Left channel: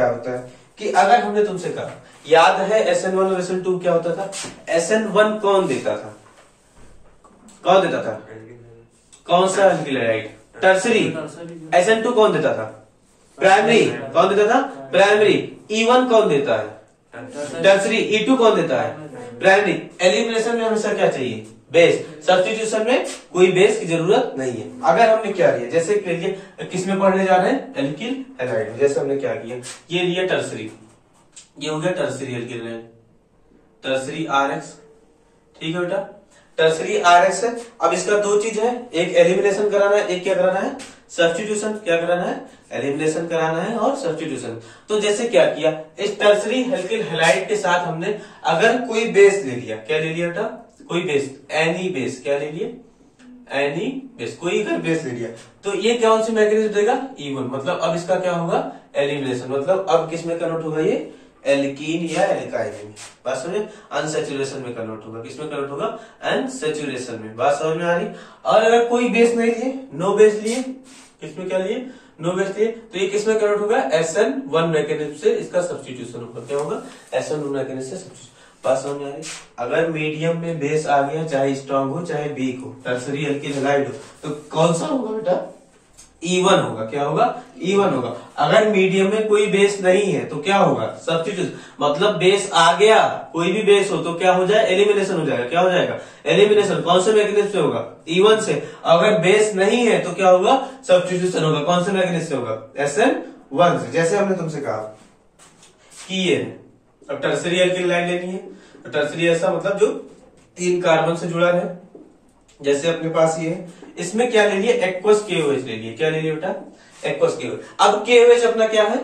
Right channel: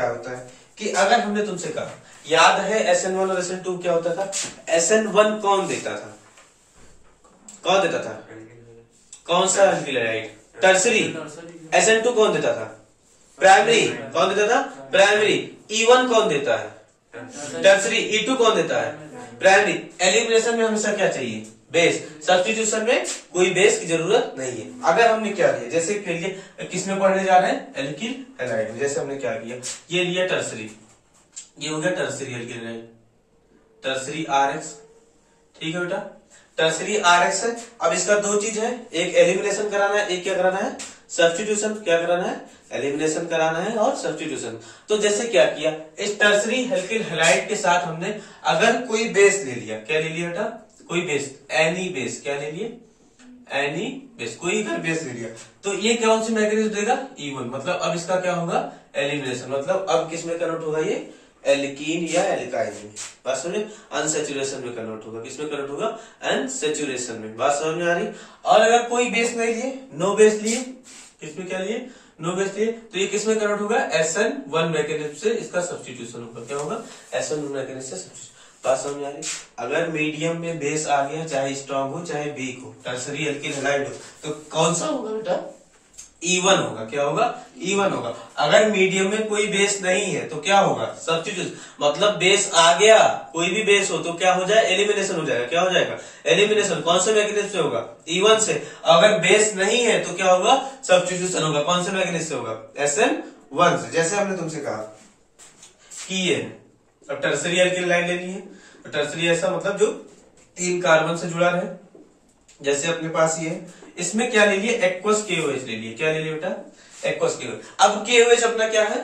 क्या होता है कि अगर हमने तुमसे कहा, याद है SN1 और SN2 क्या होता था? SN1 कौन देता था? कौन देता था? कौन सा एल्किल हैलाइड? टर्सरी। SN2 कौन देता था? प्राइमरी। कौन देता था? प्राइमरी। E1 कौन देता है? टर्सरी। E2 कौन देता है? प्राइमरी। एलिमिनेशन में हमेशा क्या चाहिए? बेस। सब्स्टिट्यूशन में कोई बेस की जरूरत नहीं है। अगर हमने क्या लिया, जैसे के लिए किसमें पढ़ने जा रहे हैं? एल्किल हैलाइड में। जैसे हमने क्या किया, ये लिया टर्सरी, ये हो गया tertiary alkyl halide, tertiary RX। ठीक है बेटा, टर्सरी RX है। अब इसका दो चीज है, एक एलिमिनेशन कराना है, एक क्या कराना है? सब्स्टिट्यूशन। क्या कराना है? एलिमिनेशन कराना है और सब्स्टिट्यूशन। तो जैसे क्या किया, इस टर्सरी एल्किल हैलाइड के साथ हमने अगर कोई बेस ले लिया, क्या ले लिया बेटा? कोई बेस, एनी बेस। क्या ले लिए? Any base. कोई अगर बेस ले लिया तो ये कौन सी मैकेनिज्म देगा? E1। मतलब अब इसका क्या होगा? एलिमिनेशन। मतलब अब किस में कन्वर्ट होगा? ये एल्कीन या एल्काइन में। बात समझे? अनसेचुरेशन में कन्वर्ट होगा। किसमें कन्वर्ट होगा? अनसेचुरेशन में। बात समझ में आ रही? और अगर कोई बेस नहीं लिए, नो बेस लिए, किसमें क्या लिए? नो बेस लिए, तो ये किसमें कन्वर्ट होगा? SN1 मैकेनिज्म से इसका सब्स्टिट्यूशन होगा। क्या होगा? SN1 मैकेनिज्म से सब्स्टिट्यूशन। बात समझ में आ रही? अगर मीडियम में बेस आ गया, चाहे स्ट्रांग हो चाहे वीक हो, टर्सरी एल्किल हैलाइड हो, तो कौन सा होगा बेटा? E1 होगा। क्या होगा? E1 होगा। अगर मीडियम में कोई बेस नहीं है तो क्या होगा? सब्स्टिट्यूशन। मतलब बेस आ गया, कोई भी बेस हो तो क्या हो जाए? एलिमिनेशन हो जाएगा। क्या हो जाएगा? एलिमिनेशन। कौन से मैकेनिज्म से होगा? E1 से। अगर बेस नहीं है तो क्या होगा? सब्स्टिट्यूशन होगा। कौन से मैकेनिज्म से होगा? SN1 से। जैसे हमने तुमसे कहा कि ये अब टर्सरी एल्किल हैलाइड लेनी है, तो टर्सरी ऐसा मतलब जो 3 कार्बन से जुड़ा रहे। जैसे अपने पास ये है, इसमें क्या ले लिए? एक्वस KOH ले लिए। क्या ले लिए बेटा? Aqueous KOH। अब KOH अपना क्या है?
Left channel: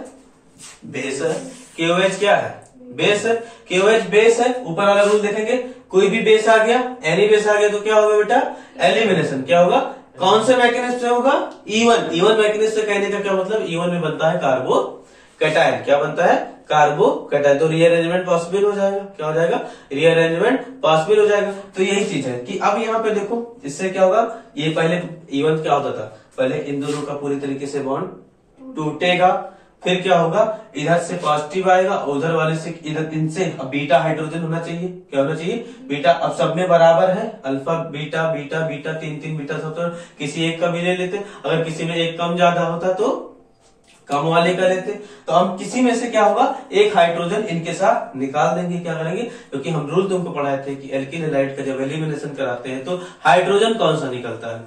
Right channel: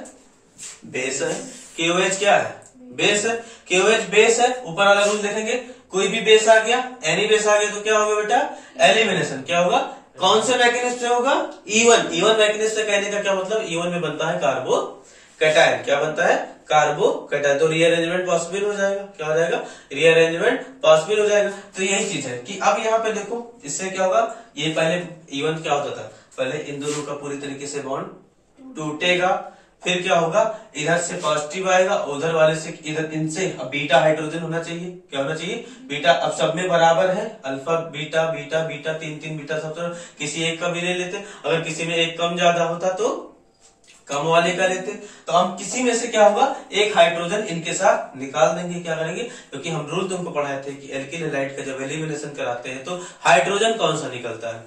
बेस है। KOH क्या है? बेस है। KOH बेस है। ऊपर वाला रूल देखेंगे, कोई भी बेस आ गया, एनी बेस आ गया तो क्या होगा बेटा? एलिमिनेशन। क्या होगा? कौन से मैकेनिज्म से होगा? E1। E1 मैकेनिज्म से कहने का क्या मतलब? E1 में बनता है कार्बो कैटायन। क्या बनता है? कार्बो कैटायन। तो रीअरेंजमेंट पॉसिबल हो जाएगा। क्या हो जाएगा? रीअरेंजमेंट पॉसिबल हो जाएगा। तो यही चीज है कि अब यहाँ पे देखो, इससे क्या होगा? ये पहले E1 क्या होता था? पहले इन दोनों का पूरी तरीके से बॉन्ड टूटेगा, फिर क्या होगा? इधर से पॉजिटिव आएगा, उधर वाले से इधर, इनसे अब बीटा हाइड्रोजन होना चाहिए। क्या होना चाहिए? बीटा। अब सब में बराबर है, alpha beta beta beta, 3 beta सब। तो किसी एक का भी ले लेते, अगर किसी में एक कम ज्यादा होता तो कम वाले का लेते। तो हम किसी में से क्या होगा? एक हाइड्रोजन इनके साथ निकाल देंगे। क्या करेंगे? क्योंकि हम रूल तुमको पढ़ाए थे कि एल्किल हैलाइड का जब एलिमिनेशन कराते हैं तो हाइड्रोजन कौन सा निकलता है?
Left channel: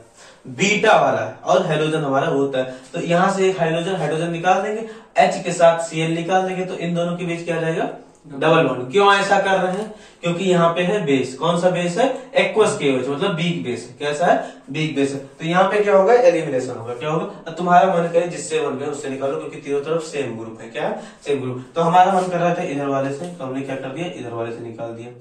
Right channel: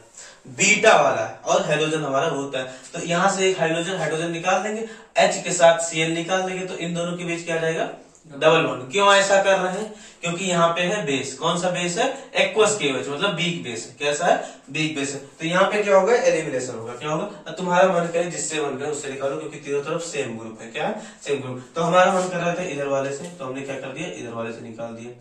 बीटा वाला है, और हाइड्रोजन हमारा होता है। तो यहां से एक हाइड्रोजन निकाल देंगे, H के साथ Cl निकाल देंगे, तो इन दोनों के बीच क्या आ जाएगा? Double bond. क्यों ऐसा कर रहे हैं? क्योंकि यहाँ पे है बेस। कौन सा बेस है? एक्वस KOH, मतलब वीक बेस है। कैसा है? वीक बेस है। तो यहाँ पे क्या होगा? एलिमिनेशन होगा। क्या होगा? तुम्हारा मन करे जिससे मन करे उससे निकालो, क्योंकि तीनों तरफ सेम ग्रुप है। क्या है? Same group. तो हमारा मन कर रहा था इधर वाले से, तो हमने क्या कर दिया? इधर वाले से निकाल दिया।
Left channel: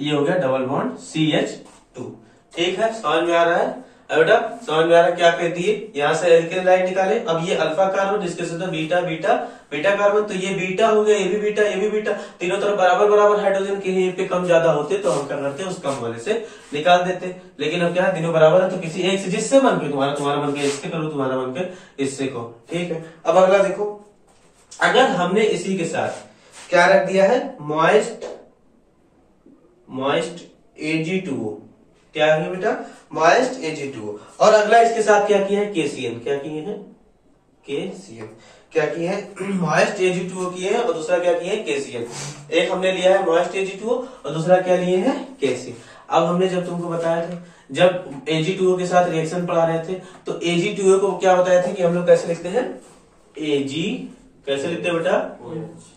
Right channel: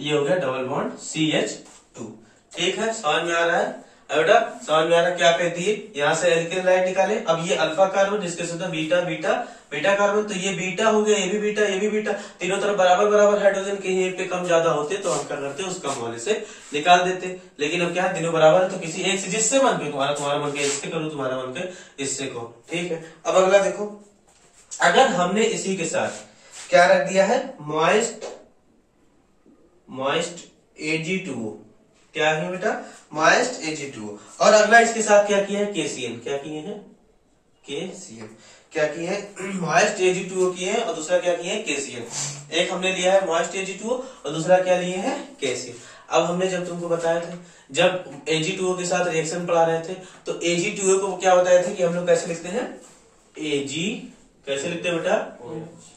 ये हो गया डबल बॉन्ड CH2। ठीक है, समझ में आ रहा है? बेटा समझ में आ रहा है? क्या कहती है? यहाँ से एल्किल हैलाइड निकाले। अब ये अल्फा कार्बन, जिसके साथ बीटा बीटा बीटा कार्बन, तो ये बीटा हो गया, ये भी बीटा, ये भी बीटा, तीनों तरफ बराबर बराबर हाइड्रोजन के। यहीं पे कम ज्यादा होते तो हम क्या करते? उस कम वाले से निकाल देते। लेकिन अब क्या है? तीनों बराबर है, तो किसी एक से, जिससे मन के, तुम्हारा मन के इससे करो, तुम्हारा मन के इससे करो। ठीक है। अब अगला देखो, अगर हमने इसी के साथ क्या रख दिया है? Moist Ag2O। क्या है बेटा? Moist Ag2O। और अगला इसके साथ क्या किया है? KCN। क्या किए हैं? KCN। क्या किए हैं? मॉइस्ट Ag2O किए हैं, और दूसरा क्या किए हैं? KCN। एक हमने लिया है मॉइस्ट Ag2O, और दूसरा क्या लिए हैं? KCN। अब हमने जब तुमको बताया था, जब Ag2O के साथ रिएक्शन पढ़ा रहे थे, तो Ag2O को क्या बताया था कि हम लोग कैसे लिखते हैं? Ag कैसे लिखते हैं बेटा?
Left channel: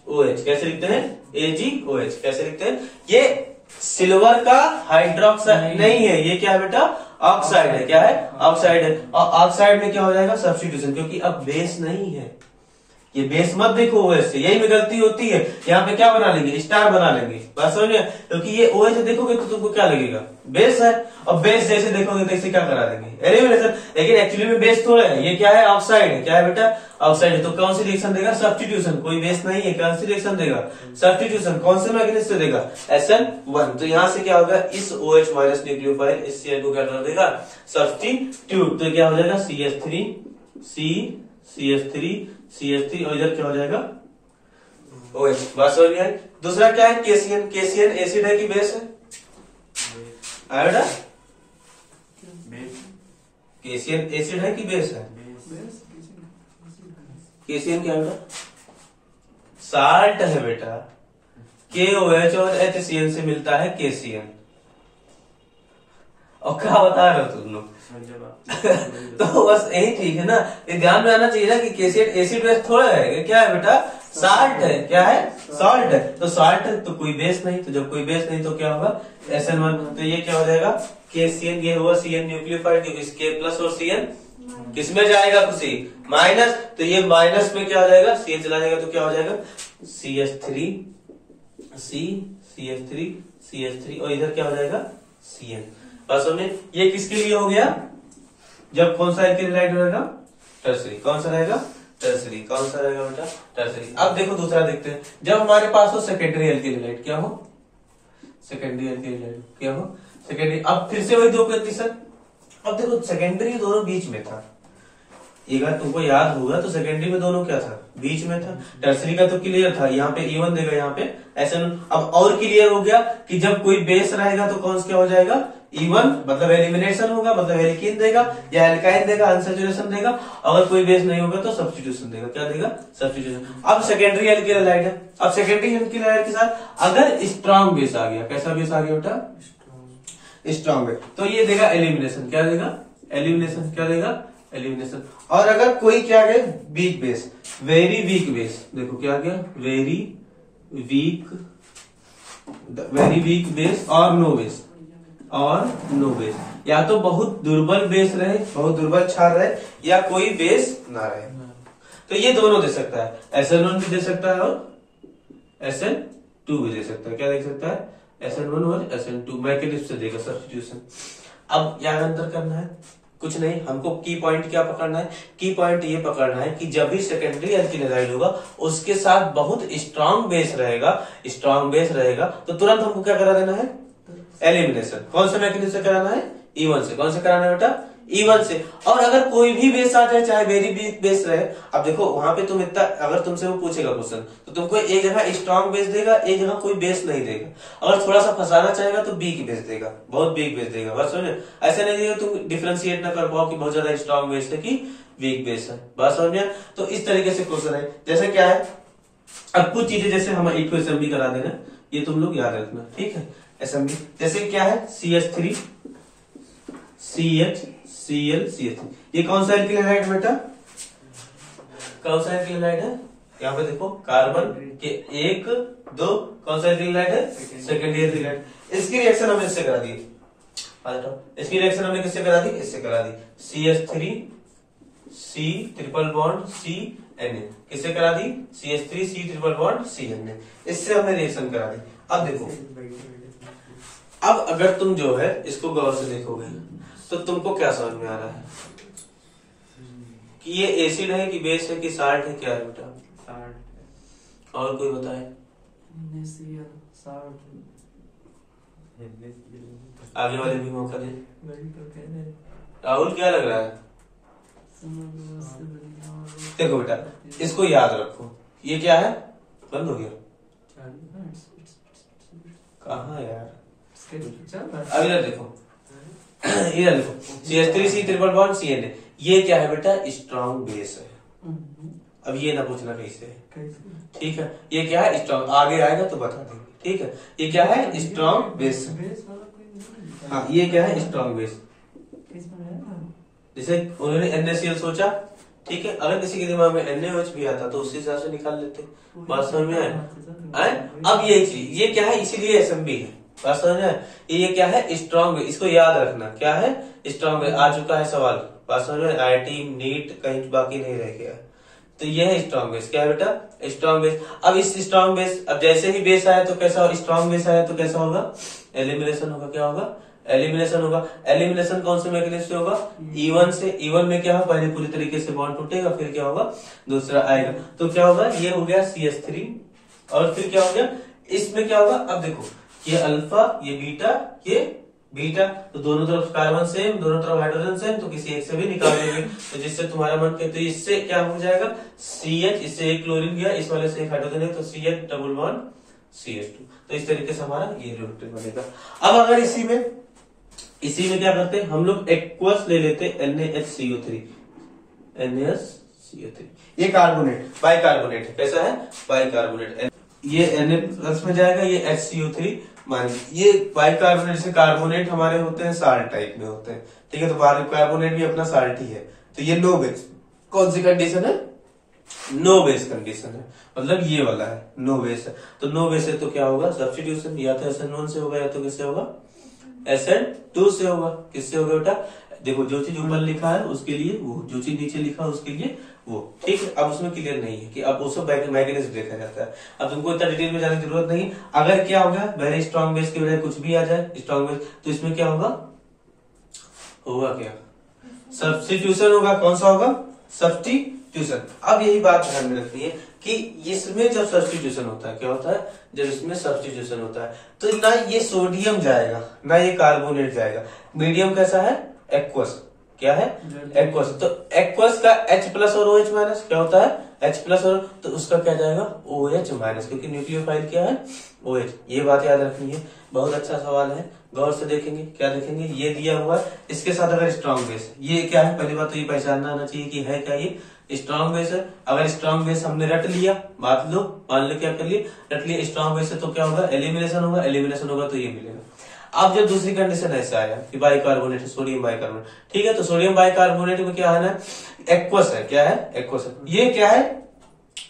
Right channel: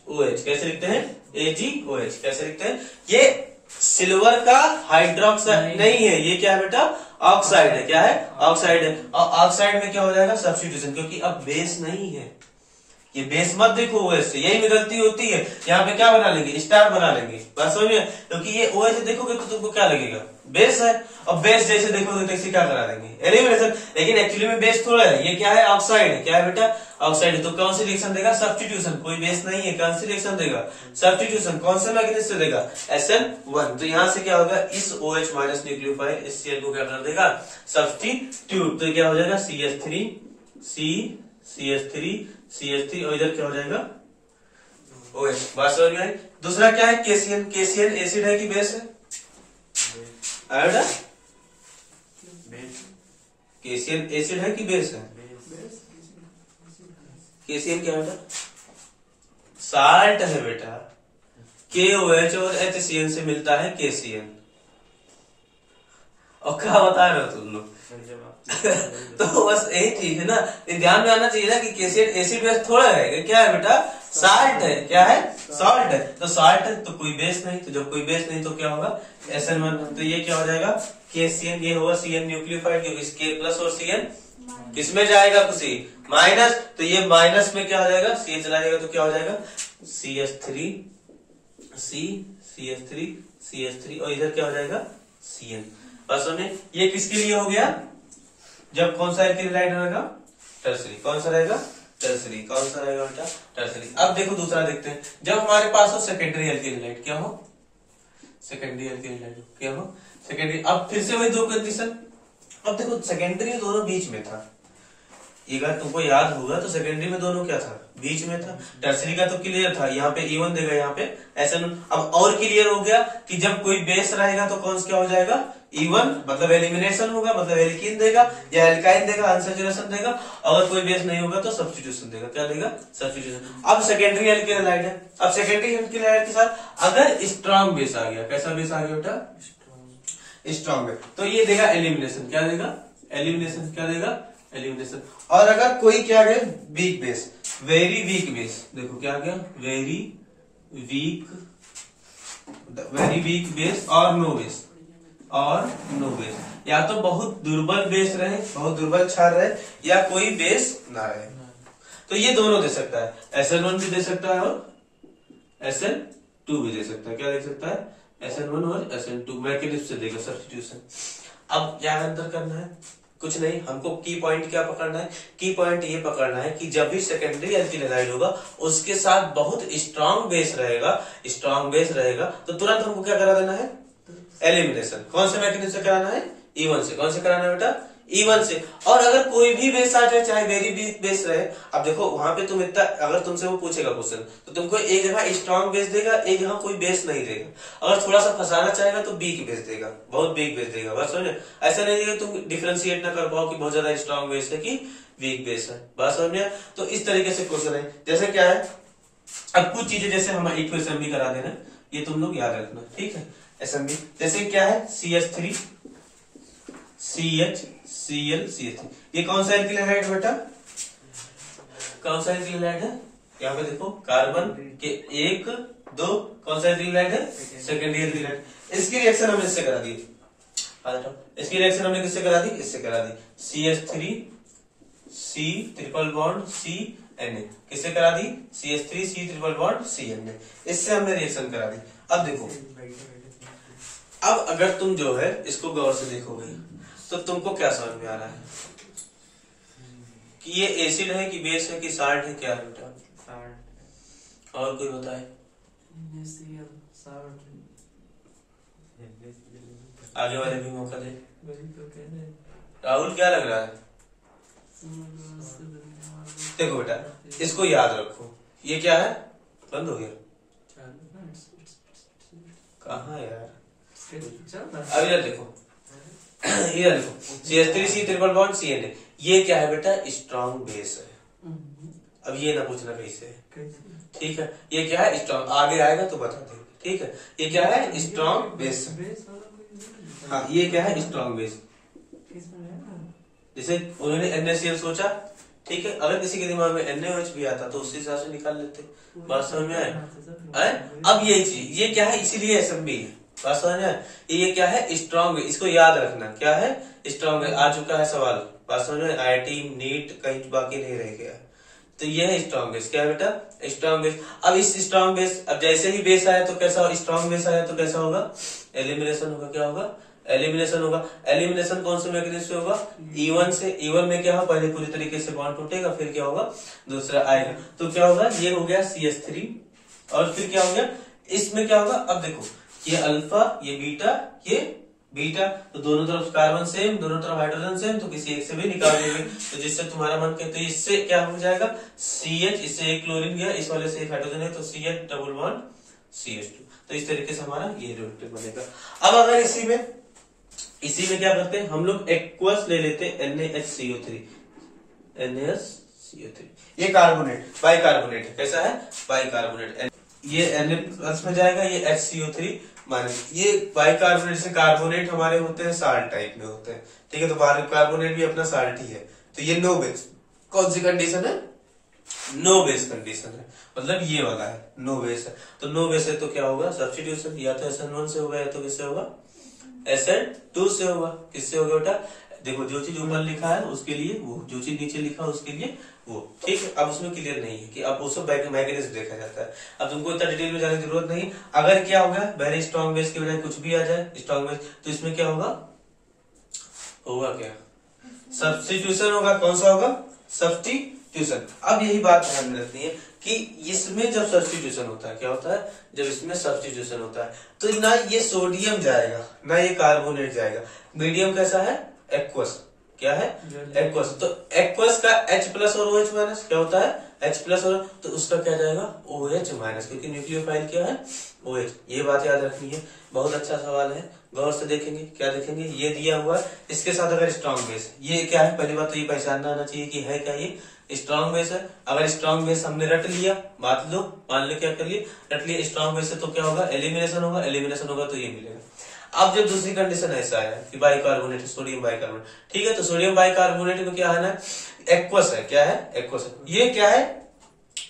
OH। कैसे लिखते हैं? AgOH। कैसे लिखते हैं? ये सिल्वर का हाइड्रोक्साइड नहीं है, ये क्या है बेटा? ऑक्साइड है। क्या है? ऑक्साइड है। और ऑक्साइड में क्या हो जाएगा? सब्स्टिट्यूशन, क्योंकि अब बेस नहीं है। ये बेस मत देखो OH से, यही में गलती होती है। यहाँ पे क्या बना लेंगे? स्टार बना लेंगे। बात समझ में? क्योंकि ये OH से देखोगे तो तुमको क्या लगेगा? बेस है। और बेस जैसे देखोगे तो इसे क्या करा देंगे? एलिमिनेशन। लेकिन एक्चुअली में बेस थोड़ा है, ये क्या है? ऑक्साइड है। क्या है बेटा? ऑक्साइड है। तो कौन सी रिएक्शन देगा? सब्स्टिट्यूशन। कोई बेस नहीं है, कौन सी रिएक्शन देगा? सब्स्टिट्यूशन। कौन से मैकेनिज्म से देगा? SN1। तो यहां से क्या होगा? इस OH माइनस न्यूक्लियोफाइल इस Cl को क्या कर देगा? सब्स्टिट्यूट। तो क्या हो जाएगा? CH3 C CH3 CH3, और इधर क्या हो जाएगा? OH। बात समझ में आई। दूसरा क्या है केसीएन, केसीएन एसिड है कि बेस है? आयोड है? केसीएन एसिड है कि बेस है? केसीएन क्या बेटा? साल्ट है बेटा। KOH और HCN से मिलता है केसीएन। और क्या बता रहे हो तुम लोग? तो बस यही ठीक है ना, ये ध्यान में आना चाहिए ना कि केसीएन एसिड बेस थोड़ा है, क्या है बेटा? साल्ट है। क्या है? साल्ट है। तो साल्ट है तो कोई बेस नहीं, तो जब कोई बेस नहीं तो क्या होगा? SN1। तो ये क्या हो जाएगा? KCN। ये हुआ CN न्यूक्लियोफाइड, K प्लस और CN किसमें जाएगा? खुशी माइनस। तो ये माइनस में क्या हो जाएगा? CH चला जाएगा तो क्या हो जाएगा? CH3 CH3 और इधर क्या हो जाएगा? CN। बस हमने ये किसके लिए हो गया? जब कौन सा एल्किल हैलाइड रहेगा? टर्सरी। कौन सा रहेगा? टर्सरी। कौन सा रहेगा बेटा? टर्सरी। अब देखो दूसरा देखते हैं। जब हमारे पास हो सेकेंडरी एल्किल हैलाइड, क्या हो? सेकेंडरी एल्किल हैलाइड क्या हो? सेकेंडरी। अब फिर से वही दो कंडीशन। अब देखो सेकेंडरी दोनों बीच में था, अगर तुमको याद होगा तो सेकेंडरी में दोनों क्या था? बीच में था। टर्सरी का तो क्लियर था, यहाँ पे E1 देगा, यहाँ पे SN। अब और क्लियर हो गया कि जब कोई बेस रहेगा तो कौन सा क्या हो जाएगा? E1 मतलब एलिमिनेशन होगा, मतलब एल्कीन देगा या एल्काइन देगा, अनसैचुरेशन देगा। अगर कोई बेस नहीं होगा तो सब्स्टिट्यूशन देगा। क्या देगा? सब्स्टिट्यूशन। अब सेकेंडरी एल्किल हैलाइड है। अब सेकेंडरी एल्किल हैलाइड के साथ अगर स्ट्रॉन्ग बेस आ गया, कैसा बेस आ गया बेटा? स्ट्रॉन्ग बेस, तो ये देगा एलिमिनेशन। क्या देगा? एलिमिनेशन। क्या देगा? एलिमिनेशन। और अगर कोई क्या आ गया? Weak base, very weak base. देखो क्या आ गया? वेरी वीक बेस और नो बेस, या तो बहुत दुर्बल बेस रहे, बहुत दुर्बल क्षार रहे, या कोई बेस ना रहे। तो ये दोनों दे सकता है। SN1 भी दे सकता है और SN2 भी दे सकता है। क्या दे सकता है? SN1 और SN2 मैकेनिज्म से देगा सब्स्टिट्यूशन। अब क्या अंतर करना है? कुछ नहीं, हमको की पॉइंट क्या पकड़ना है? की पॉइंट ये पकड़ना है कि जब भी सेकेंडरी एल्किल हैलाइड होगा उसके साथ बहुत स्ट्रांग बेस रहेगा, तो तुरंत हमको क्या करा देना है? एलिमिनेशन। कौन से मैकेनिज्म से कराना है? E1 से। कौन से कराना है बेटा? E1 से। और अगर कोई भी बेस आ जाए, चाहे वेरी वीक बेस रहे, अब देखो वहां पे तुम इतना, अगर तुमसे वो पूछेगा क्वेश्चन तो तुमको एक जगह स्ट्रांग बेस देगा, एक जगह कोई बेस नहीं देगा। अगर थोड़ा सा फंसाना चाहेगा तो वीक बेस देगा, बहुत वीक बेस देगा। बात समझे? ऐसा नहीं देगा तुम डिफरेंशिएट ना कर पाओ कि बहुत ज्यादा स्ट्रांग बेस है कि वीक बेस है। बात समझ में? तो इस तरीके से क्वेश्चन है। जैसे क्या है, अब कुछ चीजें जैसे हम एक असेंबली करा देना, ये तुम लोग याद रखना, ठीक है? असेंबली जैसे क्या है? CH3 CH Cl CH3। ये कौन सा एल्किल हैलाइड बेटा? कौन सा एल्किल हैलाइड है? यहाँ पे देखो कार्बन के 1 2, कौन सा एल्किल हैलाइड है? Secondary alkyl halide. इसकी रिएक्शन हमने इससे करा दी, इसकी रिएक्शन हमने किससे करा दी? इससे करा दी। CH3 C triple bond CNA किससे करा दी? CH3 C triple bond CNA, इससे हमने रिएक्शन करा दी। अब देखो, अब अगर तुम जो है इसको गौर से देखोगे तो तुमको क्या समझ में आ रहा है कि ये एसिड है कि बेस है कि साल्ट है? क्या है बेटा? साल्ट। और कोई बताए? आगे वाले भी मौका दे। राहुल क्या लग रहा है? देखो बेटा, इसको याद रखो। ये क्या है? बंद हो गया कहाँ यार? अब इधर देखो, इधर देखो, CH3 C triple bond CNA, ये क्या है बेटा? स्ट्रॉन्ग बेस है। अब ये ना पूछना कैसे है, ठीक है? ये क्या है? स्ट्रॉन्ग। आगे आएगा तो बता देंगे, ठीक है? ये क्या है? Strong base. हाँ, ये क्या है? Strong base. जैसे उन्होंने NaCl सोचा, ठीक है? अगर किसी के दिमाग में NaOH भी आता तो उसी हिसाब से निकाल लेते। बात समझ में आए? अब ये चीज, ये क्या है? इसीलिए SMB है। बात समझ में? ये क्या है? स्ट्रॉन्ग। इसको याद रखना, क्या है? स्ट्रॉन्ग। आ चुका है सवाल, बात समझ में? IIT नीट कहीं बाकी नहीं रह गया। तो ये है स्ट्रॉन्ग बेस। क्या है बेटा? Strong base. अब इस स्ट्रॉन्ग बेस, अब जैसे ही बेस आया तो कैसा हो? स्ट्रॉन्ग बेस आया तो कैसा होगा? एलिमिनेशन होगा। क्या होगा? एलिमिनेशन होगा। एलिमिनेशन कौन से मैकेनिज्म से होगा? E1 से। E1 में क्या होगा? पहले पूरी तरीके से बॉन्ड टूटेगा, फिर क्या होगा? दूसरा आएगा। तो क्या होगा? ये हो गया CH3, और फिर क्या हो गया? इसमें क्या होगा? अब देखो, ये अल्फा, ये बीटा, ये बीटा, तो दोनों तरफ कार्बन सेम, दोनों तरफ हाइड्रोजन सेम, तो किसी एक से भी निकाल देंगे, तो जिससे तुम्हारा मन के, तो इससे क्या हो जाएगा CH, इससे एक क्लोरीन गया, इस वाले से एक हाइड्रोजन है, तो CH डबल बॉन्ड CH2। तो इस तरीके से हमारा ये रिएक्टर बनेगा। अब अगर इसी में क्या करते हैं हम लोग, एक्वस ले लेते हैं NaHCO3, NaHCO3, ये कार्बोनेट, बाइकार्बोनेट है, कैसा है बाइकार्बोनेट, ये Na+ में जाएगा, ये HCO3 माइनस, ये बाइकार्बोनेट से कार्बोनेट हमारे होते हैं साल्ट टाइप में होते हैं, ठीक है, तो बाइकार्बोनेट भी अपना साल्ट ही है, तो ये नो बेस, कौन सी कंडीशन है, नो बेस कंडीशन है, मतलब ये वाला है नो बेस है, तो नो बेस है तो क्या होगा सब्स्टिट्यूशन, या तो SN1 से होगा या तो किससे होगा SN2 से होगा, किससे होगा बेटा, देखो जो चीज ऊपर लिखा है उसके लिए वो, जो चीज नीचे लिखा है उसके लिए वो, ठीक है। अब उसमें क्लियर नहीं है कि अब उसको मैकेनिज्म देखा जाता है, अब तुमको इतना डिटेल में जाने की जरूरत नहीं। अगर क्या होगा वेरी स्ट्रॉन्ग बेस की बजाय कुछ भी आ जाए स्ट्रॉन्ग बेस, तो इसमें क्या होगा क्या सब्स्टिट्यूशन होगा, कौन सा होगा सब्स्टिट्यूशन। अब यही बात ध्यान में रखनी है कि इसमें जब सब्स्टिट्यूशन होता है क्या होता है, जब इसमें सब्स्टिट्यूशन होता है तो ना ये सोडियम जाएगा ना ये कार्बोनेट जाएगा, मीडियम कैसा है एक्वस, क्या है एक्वस, तो एक्वस का H+ और OH- क्या होता है H+ और, तो उसका क्या जाएगा OH-, क्योंकि न्यूक्लियोफाइल क्या है OH, ये बात याद रखनी है। बहुत अच्छा सवाल है, गौर से देखेंगे, क्या देखेंगे, ये दिया हुआ है, इसके साथ अगर स्ट्रॉन्ग बेस, ये क्या है पहली बात तो ये पहचानना आना चाहिए कि है क्या ये स्ट्रॉन्ग बेस है। अगर स्ट्रॉन्ग बेस हमने रट लिया, मान लो क्या कर लिए, रट लिया स्ट्रॉन्ग बेस है, तो क्या होगा एलिमिनेशन होगा, एलिमिनेशन होगा तो ये मिलेगा। अब जब दूसरी कंडीशन ऐसा आया कि बाइकार्बोनेट, सोडियम बाइकार्बोनेट, ठीक है, तो सोडियम बाइकार्बोनेट में क्या है ना एक्वस है, क्या है एक्वस है, ये क्या है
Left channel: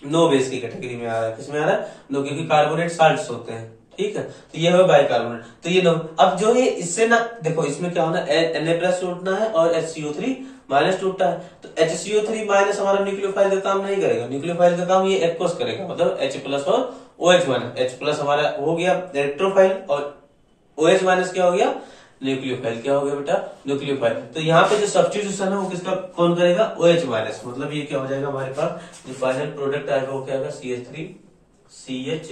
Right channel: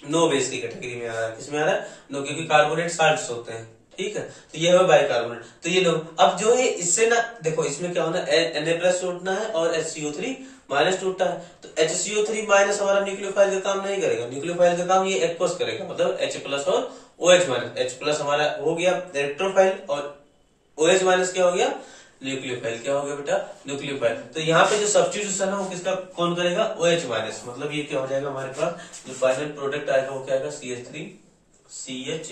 नो बेस की कैटेगरी में आ रहा है, किसमें आ रहा है नो, क्योंकि कार्बोनेट साल्ट्स होते हैं, ठीक है, तो ये है बाइकार्बोनेट, तो ये नो। अब जो है इससे ना देखो इसमें क्या होना Na+ टूटना है और HCO3 माइनस टूटता है, तो HCO3 माइनस हमारा न्यूक्लियोफाइल का काम नहीं करेगा, न्यूक्लियोफाइल का काम ये एक्वस करेगा, मतलब H+ और OH-, H+ हमारा हो गया इलेक्ट्रोफाइल और OH- क्या हो गया न्यूक्लियोफाइल, क्या हो गया बेटा न्यूक्लियोफाइल। तो यहाँ पे जो सब्स्टिट्यूशन है वो किसका कौन करेगा OH-, मतलब ये क्या हो जाएगा हमारे पास जो फाइनल प्रोडक्ट आएगा वो क्या आएगा CH3 CH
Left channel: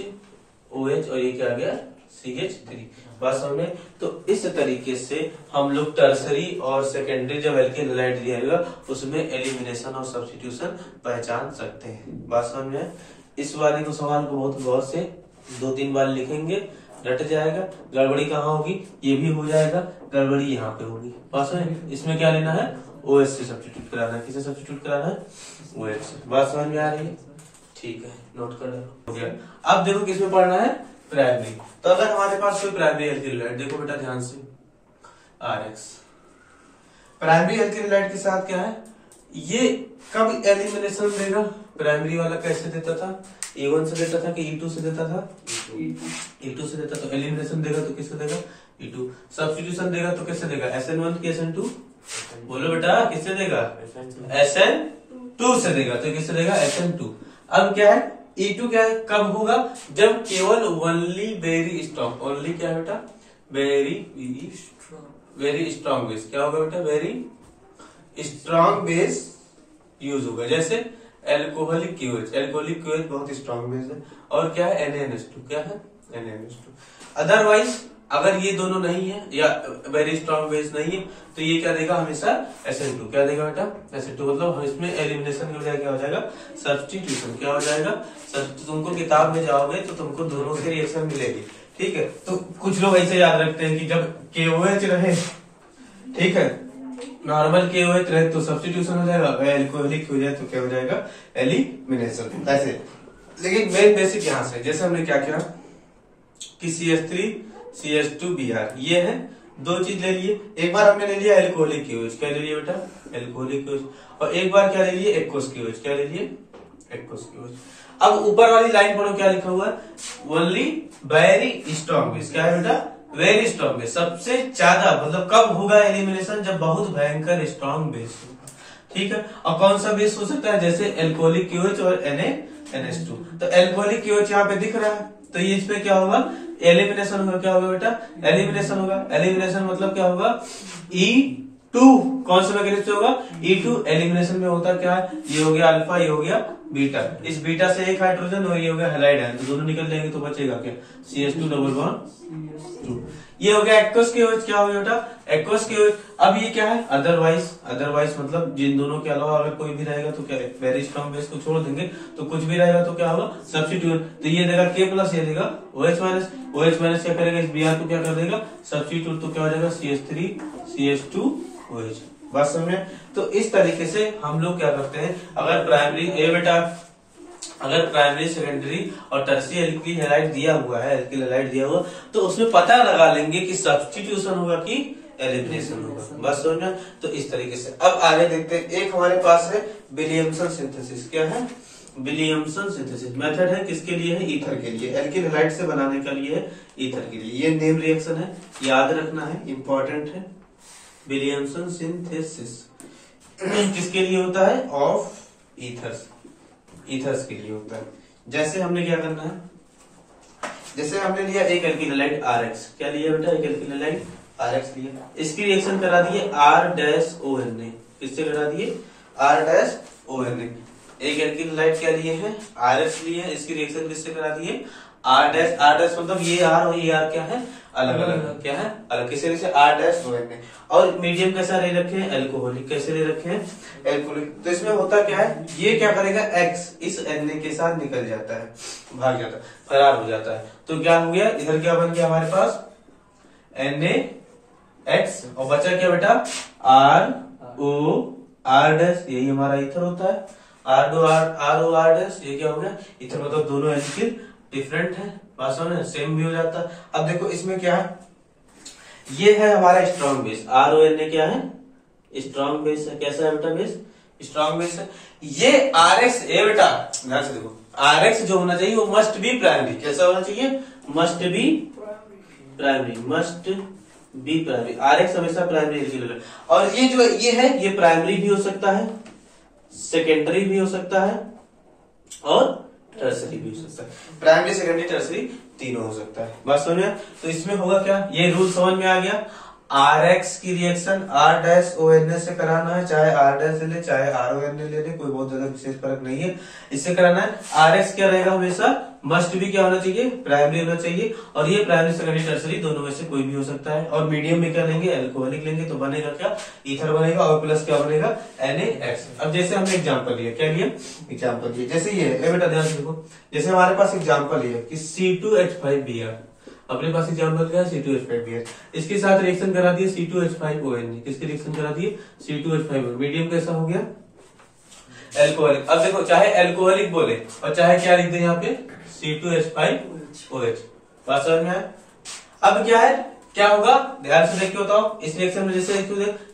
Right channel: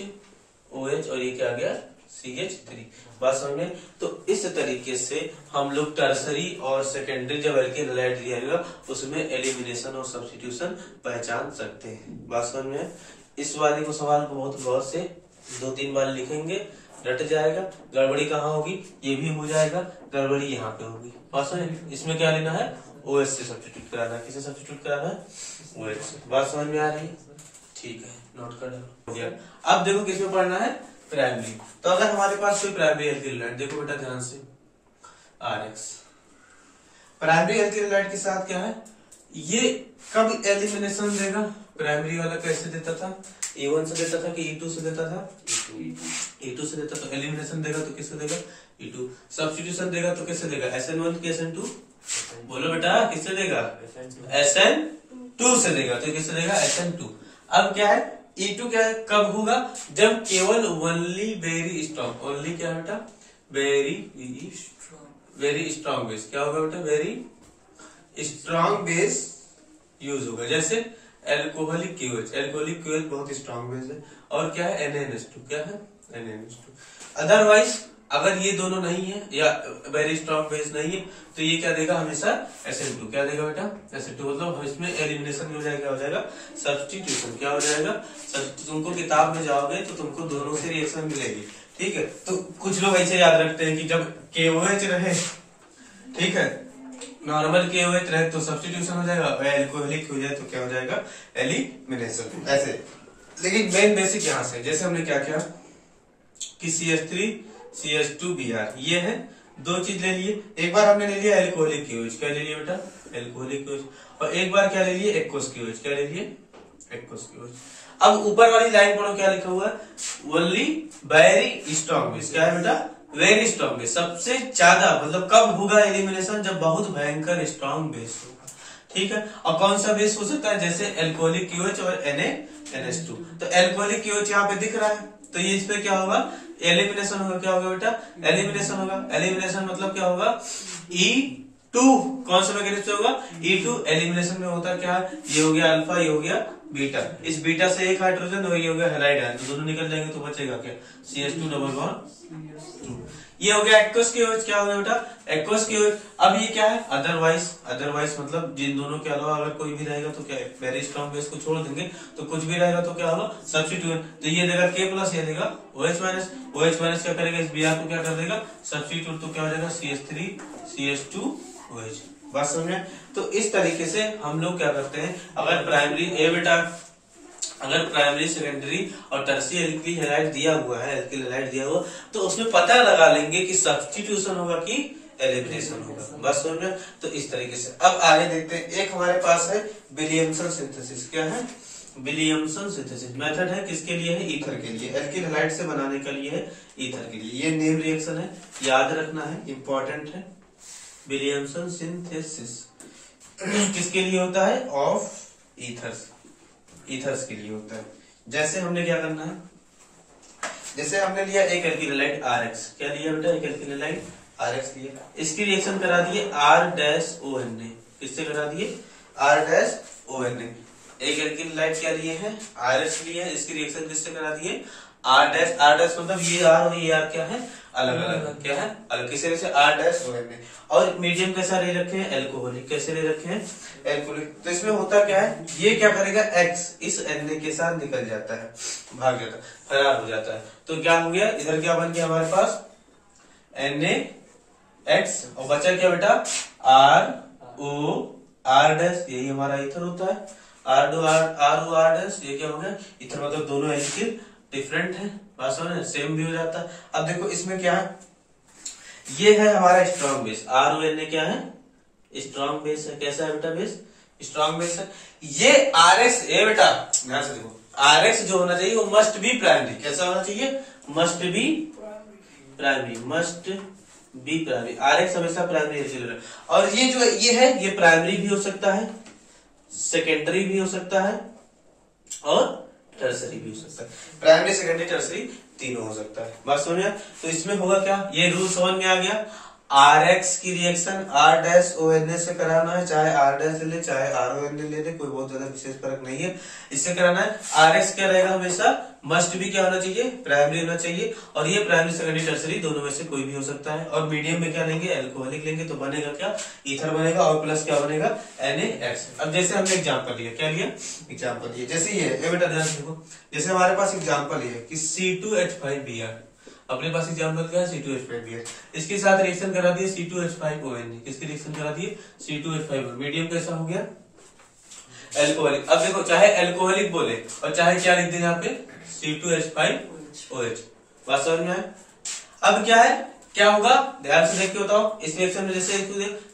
और ये क्या आ गया CH3, बात समझ में। तो इस तरीके से हम लोग टर्सरी और सेकेंडरी जब एल्केन हैलाइड दिया जाएगा उसमें एलिमिनेशन और सब्स्टिट्यूशन पहचान सकते हैं, बात समझ में। इस वाले को सवाल को बहुत गौर से 2-3 बार लिखेंगे, रट जाएगा। गड़बड़ी कहाँ होगी, ये भी हो जाएगा, गड़बड़ी यहाँ पे होगी, बात समझ। इसमें क्या लेना है OH से सब्स्टिट्यूट कराना है, किसे सब्स्टिट्यूट कराना है OH से, बात समझ में आ रही है, ठीक है नोट कर हो गया। अब देखो किसमें पढ़ना है प्राइमरी, तो अगर हमारे पास कोई प्राइमरी एल्किल हैलाइड, देखो बेटा ध्यान से RX प्राइमरी एल्किल हैलाइड के साथ क्या है, ये कब एलिमिनेशन देगा, प्राइमरी वाला कैसे देता था E1 से देता था कि E2 से देता था, E2 से देता, तो एलिमिनेशन देगा तो किससे देगा E2, सब्स्टिट्यूशन देगा तो किससे देगा SN1 की SN2, बोलो बेटा किससे देगा SN2 से देगा, तो किससे देगा SN2। अब क्या है E2 क्या है कब होगा, जब केवल ओनली वेरी स्ट्रॉन्ग, ओनली क्या है बेटा वेरी स्ट्रॉन्ग बेस, क्या होगा बेटा वेरी स्ट्रॉन्ग बेस यूज होगा, जैसे एल्कोहलिक QH, एल्कोहलिक QH बहुत स्ट्रॉन्ग बेस है, और क्या है NaNH2, क्या है NaNH2। अदरवाइज अगर ये दोनों नहीं है या वेरी स्ट्रॉन्ग बेस नहीं है तो ये क्या देगा हमेशा SN2, क्या देगा बेटा SN2, मतलब हम इसमें एलिमिनेशन हो जाएगा, क्या हो जाएगा सब्स्टिट्यूशन, क्या हो जाएगा तुमको किताब में जाओगे तो तुमको दोनों से रिएक्शन मिलेगी, ठीक है। तो कुछ लोग ऐसे याद रखते हैं कि जब KOH रहे, ठीक है नॉर्मल KOH रहे तो सब्स्टिट्यूशन हो जाएगा, एल्कोहलिक हो जाए तो क्या हो जाएगा एलिमिनेशन, ऐसे। लेकिन मेन बेसिक यहाँ से, जैसे हमने क्या किया कि CH3 CH2Br ये है, दो चीज ले लिए, एक बार हमने ले लिया एल्कोहलिक QH, क्या ले लिया बेटा एल्कोहलिक QH, और एक बार क्या ले लिए एक्वस QH, क्या ले लिए एक्वस QH। अब ऊपर वाली लाइन पढ़ो क्या लिखा हुआ है ओनली वेरी स्ट्रॉन्ग बेस, क्या है बेटा वेरी स्ट्रॉन्ग बेस, सबसे ज्यादा, मतलब कब होगा एलिमिनेशन जब बहुत भयंकर स्ट्रॉन्ग बेस होगा, ठीक है। और कौन सा बेस हो सकता है, जैसे एल्कोहलिक QH और NaNH2, तो एल्कोहलिक QH यहाँ पे दिख रहा है तो ये इस पे क्या होगा एलिमिनेशन होगा, क्या होगा बेटा एलिमिनेशन होगा, एलिमिनेशन मतलब क्या होगा E2, कौन सा मैकेनिज्म से होगा E2, एलिमिनेशन में होता क्या है, ये हो गया अल्फा, ये हो गया बीटा, इस बीटा से एक हाइड्रोजन और ये हो गया हैलाइड है, तो दोनों निकल जाएंगे तो बचेगा क्या CH2 डबल बॉन्ड 2। ये हो गया एक्वस के OH। क्या हो गया बेटा? एक्वस के OH। अब ये क्या है? अदरवाइज। अदरवाइज मतलब जिन दोनों के अलावा अगर कोई भी रहेगा तो क्या, वेरी स्ट्रॉन्ग बेस को छोड़ देंगे तो कुछ भी रहेगा तो क्या होगा? सब्स्टिट्यूट। तो ये देगा K प्लस, ये देगा OH माइनस। OH माइनस क्या करेगा? इस Br को क्या कर देगा? सब्स्टिट्यूट। तो क्या हो जाएगा? CH3 CH2 OH। बात समझ में? तो इस तरीके से हम लोग क्या करते हैं, अगर प्राइमरी बेटा अगर प्राइमरी, सेकेंडरी और टर्शियरी एल्किल हैलाइड दिया हुआ है, एल्किल हैलाइड दिया हुआ, तो उसमें पता लगा लेंगे कि सब्स्टिट्यूशन होगा कि एलिमिनेशन होगा। बस समझ में? तो इस तरीके से अब आगे देखते हैं। एक हमारे पास है विलियमसन सिंथेसिस। क्या है? विलियमसन सिंथेसिस मेथड है किसके लिए है? ईथर के लिए। एल्किल हैलाइड से बनाने के लिए है, ईथर के लिए। ये नेम रिएक्शन है, याद रखना है, इंपॉर्टेंट है। विलियमसन सिंथेसिस किसके लिए होता है? Of ethers. ईथर्स के लिए होता है। जैसे हमने क्या करना है, जैसे हमने लिया एक एल्किल हैलाइड RX। क्या लिया बेटा? एक एल्किल हैलाइड RX लिया। इसकी रिएक्शन करा दिए R-ONA। किससे करा दिए? R-ONA। एक एल्किल हैलाइड क्या लिए है? RX लिए है। इसकी रिएक्शन किससे करा दिए? R- मतलब ये R और ये R क्या है? अलग अलग। क्या है? अलग। किसे से? R-ONA। और मीडियम कैसा ले रखे हैं? एल्कोहलिक। कैसे ले रखे हैं? एल्कोहलिक। तो इसमें होता क्या है, ये क्या करेगा? X इस Na के साथ निकल जाता है, भाग जाता है, फरार हो जाता है। तो क्या हो गया? इधर क्या बन गया हमारे पास? NaX। और बचा क्या बेटा? RO-R'। यही हमारा ईथर होता है। RO-R'। ये क्या हो गया? ईथर। मतलब दोनों एल्किल डिफरेंट है, बात समझ, सेम भी हो जाता है। अब देखो इसमें क्या है, ये है हमारा स्ट्रॉन्ग बेस। RONA क्या है? स्ट्रॉन्ग बेस है। कैसा है बेटा बेस? स्ट्रॉन्ग बेस है। ये RX बेटा ध्यान से देखो, RX जो होना चाहिए वो मस्ट बी प्राइमरी। कैसा होना चाहिए? Must be primary. Must be primary. RX हमेशा प्राइमरी। और ये जो ये है, ये प्राइमरी भी हो सकता है, सेकेंडरी भी हो सकता है और टर्सरी भी हो सकता है। प्राइमरी, सेकेंडरी, टर्सरी तीनों हो सकता है। बात समझ? तो इसमें होगा क्या? ये रूल समझ में आ गया। RX की रिएक्शन R-ONA से कराना है, चाहे R- ले चाहे RONA ले ले, कोई बहुत ज्यादा विशेष फर्क नहीं है, इससे कराना है। RX क्या रहेगा? हमेशा मस्ट भी क्या होना चाहिए? प्राइमरी होना चाहिए। और ये प्राइमरी, सेकेंडरी, टर्सरी दोनों में से कोई भी हो सकता है। और मीडियम में क्या लेंगे? एल्कोहलिक लेंगे। तो बनेगा क्या? ईथर बनेगा। और प्लस क्या बनेगा? NaX। अब जैसे हमने एग्जाम्पल लिया, क्या लिया? एग्जाम्पल लिया। जैसे ये बेटा ध्यान से देखो, जैसे हमारे पास एग्जाम्पल है कि C2H5Br। अपने पास एग्जाम्पल क्या है? C2H5Br। इसके साथ रिएक्शन करा दिए C2H5ONA। किसकी रिएक्शन करा दिए? C2H5ONA। मीडियम कैसा हो गया? एल्कोहलिक। अब देखो, चाहे एल्कोहलिक बोले और चाहे क्या लिख दे यहाँ पे? C2H5OH। बात समझ में आए? अब क्या है, क्या होगा? ध्यान से देख के बताओ। इस रिएक्शन में जैसे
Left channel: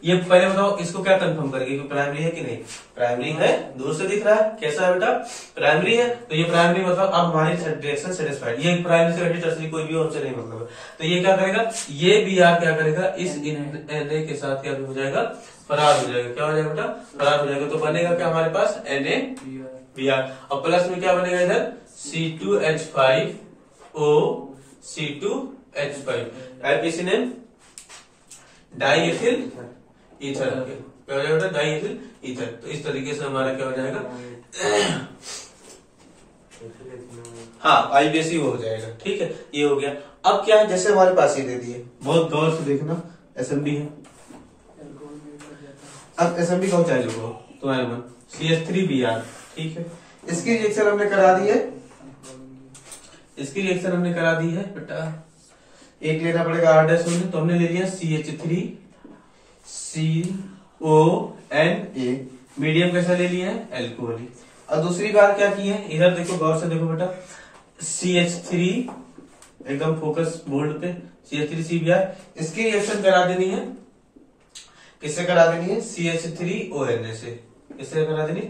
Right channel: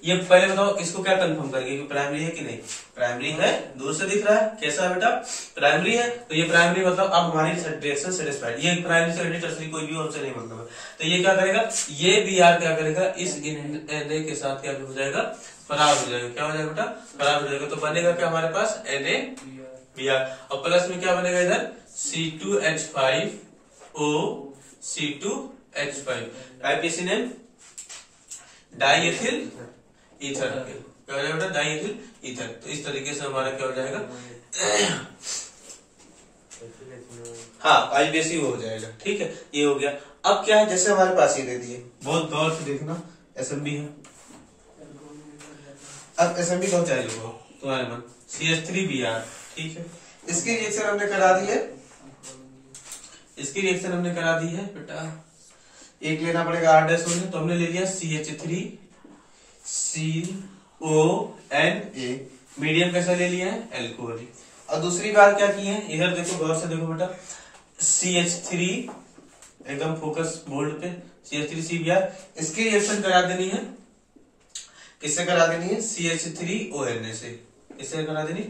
ये पहले बताओ, इसको क्या कंफर्म करेंगे कि प्राइमरी है कि नहीं? प्राइमरी है, दूर से दिख रहा है। कैसा है बेटा? प्राइमरी है। तो ये प्राइमरी मतलब अब हमारी रिएक्शन सेटिस्फाइड। ये प्राइमरी, सेकेंडरी, टर्सरी कोई भी हमसे नहीं मतलब है। तो ये क्या करेगा? ये Br क्या करेगा? इस Na के साथ क्या हो जाएगा? फरार हो जाएगा। क्या हो जाएगा बेटा? फरार हो जाएगा। तो बनेगा क्या हमारे पास? NaBr। और प्लस में क्या बनेगा इधर? C2H5O C2H5। किसी ने डाईएथिल ईथर। क्या हो जाएगा? Diethyl ether. तो इस तरीके से हमारा क्या हो जाएगा? हाँ, IBC हो जाएगा। ठीक है, ये हो गया। अब क्या है, जैसे हमारे पास ये दे दिए, बहुत गौर से देखना, SMB है। अब SMB कौन चाहिए होगा तुम्हारे मन? CH3Br। ठीक है, इसकी रिएक्शन हमने करा दी है। इसकी रिएक्शन हमने करा दी है बेटा। एक लेना पड़ेगा R-ONA। तो हमने ले लिया CH3CONA। मीडियम कैसा ले लिया है? एल्कोहलिक। और दूसरी बात क्या की है, इधर देखो, गौर से देखो बेटा, CH3 एकदम फोकस बोल्ड पे, CH3CBr। इसकी रिएक्शन करा देनी है, किससे करा देनी है? CH3ONA से। किससे करा देनी?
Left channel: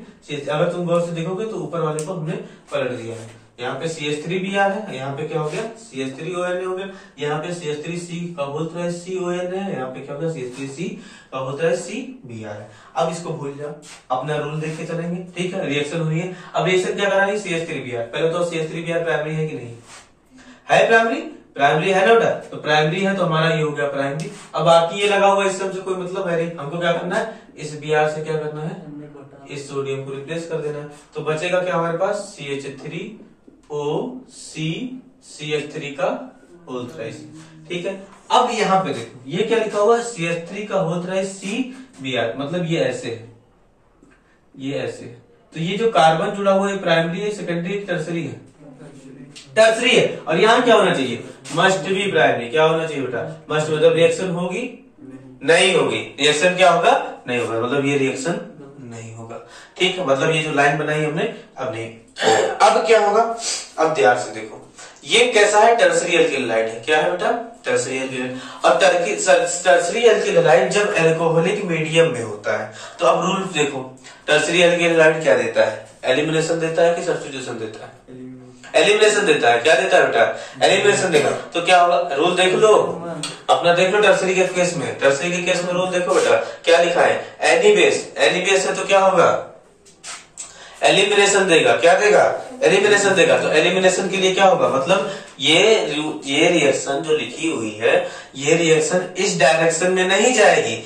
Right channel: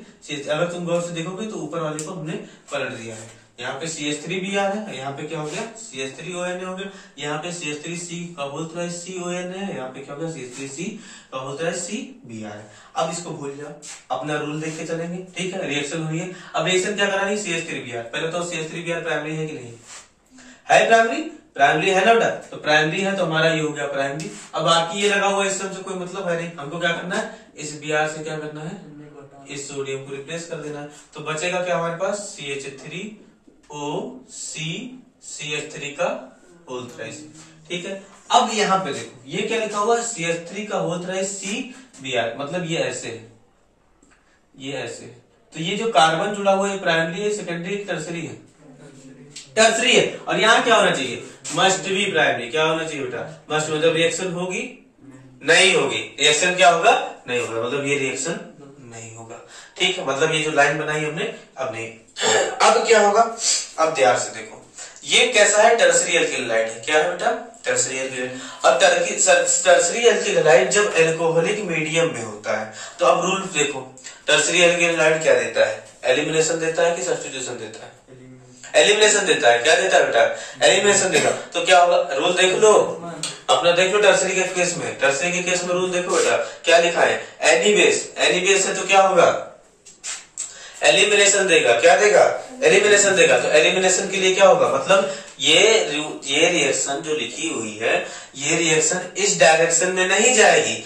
अगर तुम गौर से देखोगे तो ऊपर वाले को हमने पलट दिया है। यहाँ पे CH3Br है, यहाँ पे क्या हो गया? CH3ONA हो गया। यहाँ पे CH3C का होल थ्राइस CONA है, यहाँ पे क्या होगा? CH3C का होल थ्राइस CBr है। अब इसको भूल जाओ, अपना रूल देख के चलेंगे। ठीक है, रिएक्शन हुई है। अब रिएक्शन क्या करानी? CH3Br। पहले तो CH3Br प्राइमरी है कि नहीं है? प्राइमरी, प्राइमरी है ना बेटा? तो प्राइमरी है तो हमारा ये हो गया प्राइमरी। अब बाकी ये लगा हुआ, इस सब से कोई मतलब है नहीं। हमको क्या करना है? इस Br से क्या करना है? इस सोडियम को रिप्लेस कर देना है। तो बचेगा क्या हमारे पास? CH3OC CH3 का होल थ्राइस। ठीक है। अब यहाँ पे देखो ये क्या लिखा हुआ है, CH3 का होता है CBr, मतलब ये ऐसे है, ये ऐसे है। तो ये जो कार्बन जुड़ा हुआ है प्राइमरी है, सेकेंडरी, टर्सरी है, टर्सरी है। और यहाँ क्या होना चाहिए, मस्ट बी प्राइमरी। क्या होना चाहिए बेटा, मस्ट, मतलब रिएक्शन होगी नहीं होगी, रिएक्शन क्या होगा नहीं होगा, मतलब ये रिएक्शन नहीं होगा। ठीक है, मतलब ये जो लाइन बनाई हमने अब नहीं। अब क्या होगा, अब ध्यान से देखो, ये कैसा है, टर्सरी एल्किल हैलाइड है। क्या है बेटा, टर्सरी एल्किल। और टर्सरी एल्किल हैलाइड जब एल्कोहलिक मीडियम में होता है तो अब रूल देखो, टर्सरी एल्किल हैलाइड क्या देता है, एलिमिनेशन देता है कि सब्स्टिट्यूशन देता है, एलिमिनेशन देता है। क्या देता है बेटा, एलिमिनेशन देगा। तो क्या होगा, रूल देख लो अपना, देख लो टर्सरी के केस में, टर्सरी के केस में रूल देखो बेटा क्या लिखा है, एनी बेस है तो क्या होगा, एलिमिनेशन देगा। क्या देगा, एलिमिनेशन देगा। तो एलिमिनेशन के लिए क्या होगा, मतलब ये रिएक्शन जो लिखी हुई है, ये रिएक्शन इस डायरेक्शन में नहीं जाएगी।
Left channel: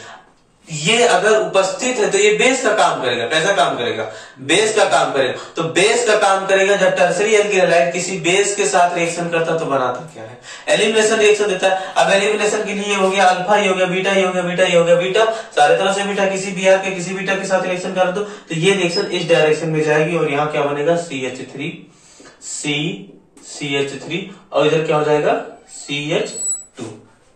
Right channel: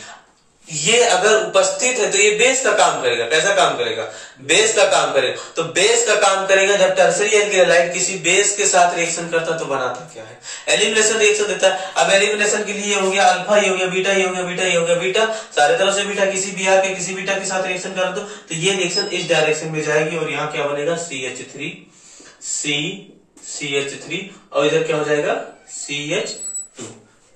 ये अगर उपस्थित है तो ये बेस का काम करेगा। कैसा काम करेगा, बेस का काम करेगा। तो बेस का काम करेगा जब टर्सरी एल्किल हैलाइड किसी बेस के साथ रिएक्शन करता तो बनाता क्या है, एलिमिनेशन रिएक्शन देता है। अब एलिमिनेशन के लिए हो गया अल्फा, ये हो गया बीटा, ये हो गया बीटा, ये हो गया बीटा, सारे तरफ से बीटा, किसी Br के किसी बीटा के साथ रिएक्शन करा तो ये रिएक्शन इस डायरेक्शन में जाएगी और यहाँ क्या बनेगा, CH3 और इधर क्या हो जाएगा, CH2।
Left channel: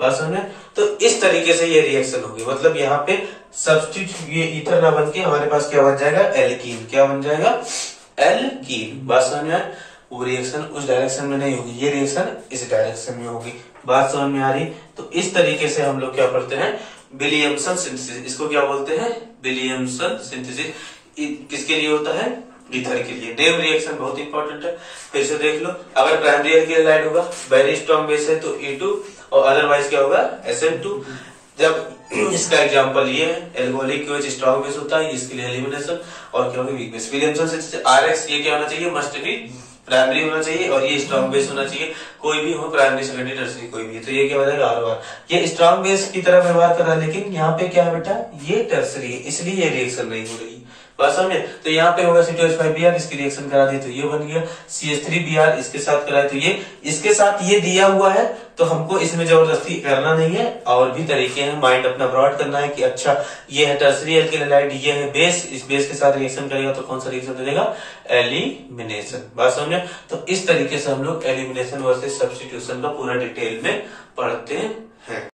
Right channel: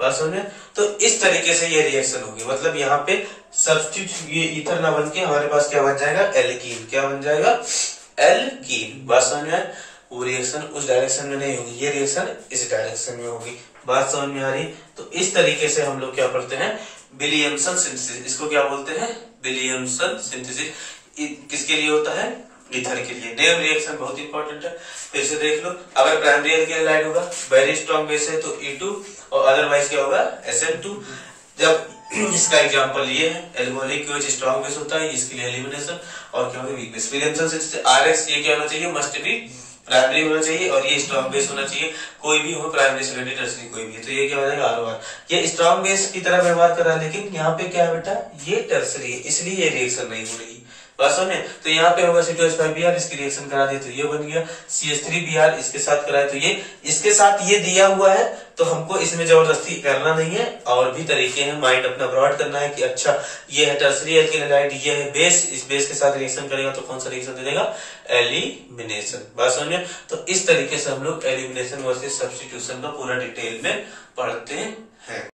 बात समझ में। तो इस तरीके से ये रिएक्शन होगी, मतलब यहाँ पे सब्स्टिट्यूट ये ईथर ना बन के हमारे पास क्या बन जाएगा, एल्कीन। क्या बन जाएगा, एल्कीन। बात समझ में आए, वो रिएक्शन उस डायरेक्शन में नहीं होगी, ये रिएक्शन इस डायरेक्शन में होगी। बात समझ में आ रही। तो इस तरीके से हम लोग क्या पढ़ते हैं, विलियमसन सिंथेसिस। इसको क्या बोलते हैं, विलियमसन सिंथेसिस। किसके लिए होता है, ईथर के लिए। नेम रिएक्शन बहुत इंपॉर्टेंट है, फिर से देख लो। अगर प्राइमरी एल्किल हैलाइड होगा, वेरी स्ट्रॉन्ग बेस है तो E2 और अदरवाइज क्या होगा, SN2। जब इसका एग्जांपल ये है, एल्कोहलिक की वजह स्ट्रॉन्ग बेस होता है, इसके लिए एलिमिनेशन और क्या होगी, weak base. Williamson synthesis RX ये क्या होना चाहिए, मस्ट बी प्राइमरी होना चाहिए और ये स्ट्रॉन्ग बेस होना चाहिए, कोई भी हो, प्राइमरी, सेकेंडरी, टर्सरी कोई भी है। तो ये क्या हो जाएगा, R1। ये स्ट्रॉन्ग बेस की तरह व्यवहार कर रहा है, लेकिन यहाँ पे क्या है बेटा, ये टर्सरी है, इसलिए ये रिएक्शन नहीं हो रही। बात समझे। तो यहाँ पे होगा C2H5Br, इसकी रिएक्शन करा दी तो ये बन गया CH3Br, इसके साथ कराए तो ये, इसके साथ ये दिया हुआ है तो हमको इसमें जबरदस्ती करना नहीं है। और भी तरीके हैं, माइंड अपना ब्रॉड करना है कि अच्छा ये है टर्सरी एल्किल हैलाइड, ये है बेस, इस बेस के साथ रिएक्शन करेगा तो कौन सा रिएक्शन दे देगा, एलिमिनेशन। बात समझे। तो इस तरीके से हम लोग एलिमिनेशन वर्सेस सब्स्टिट्यूशन का पूरा डिटेल में पढ़ते हैं।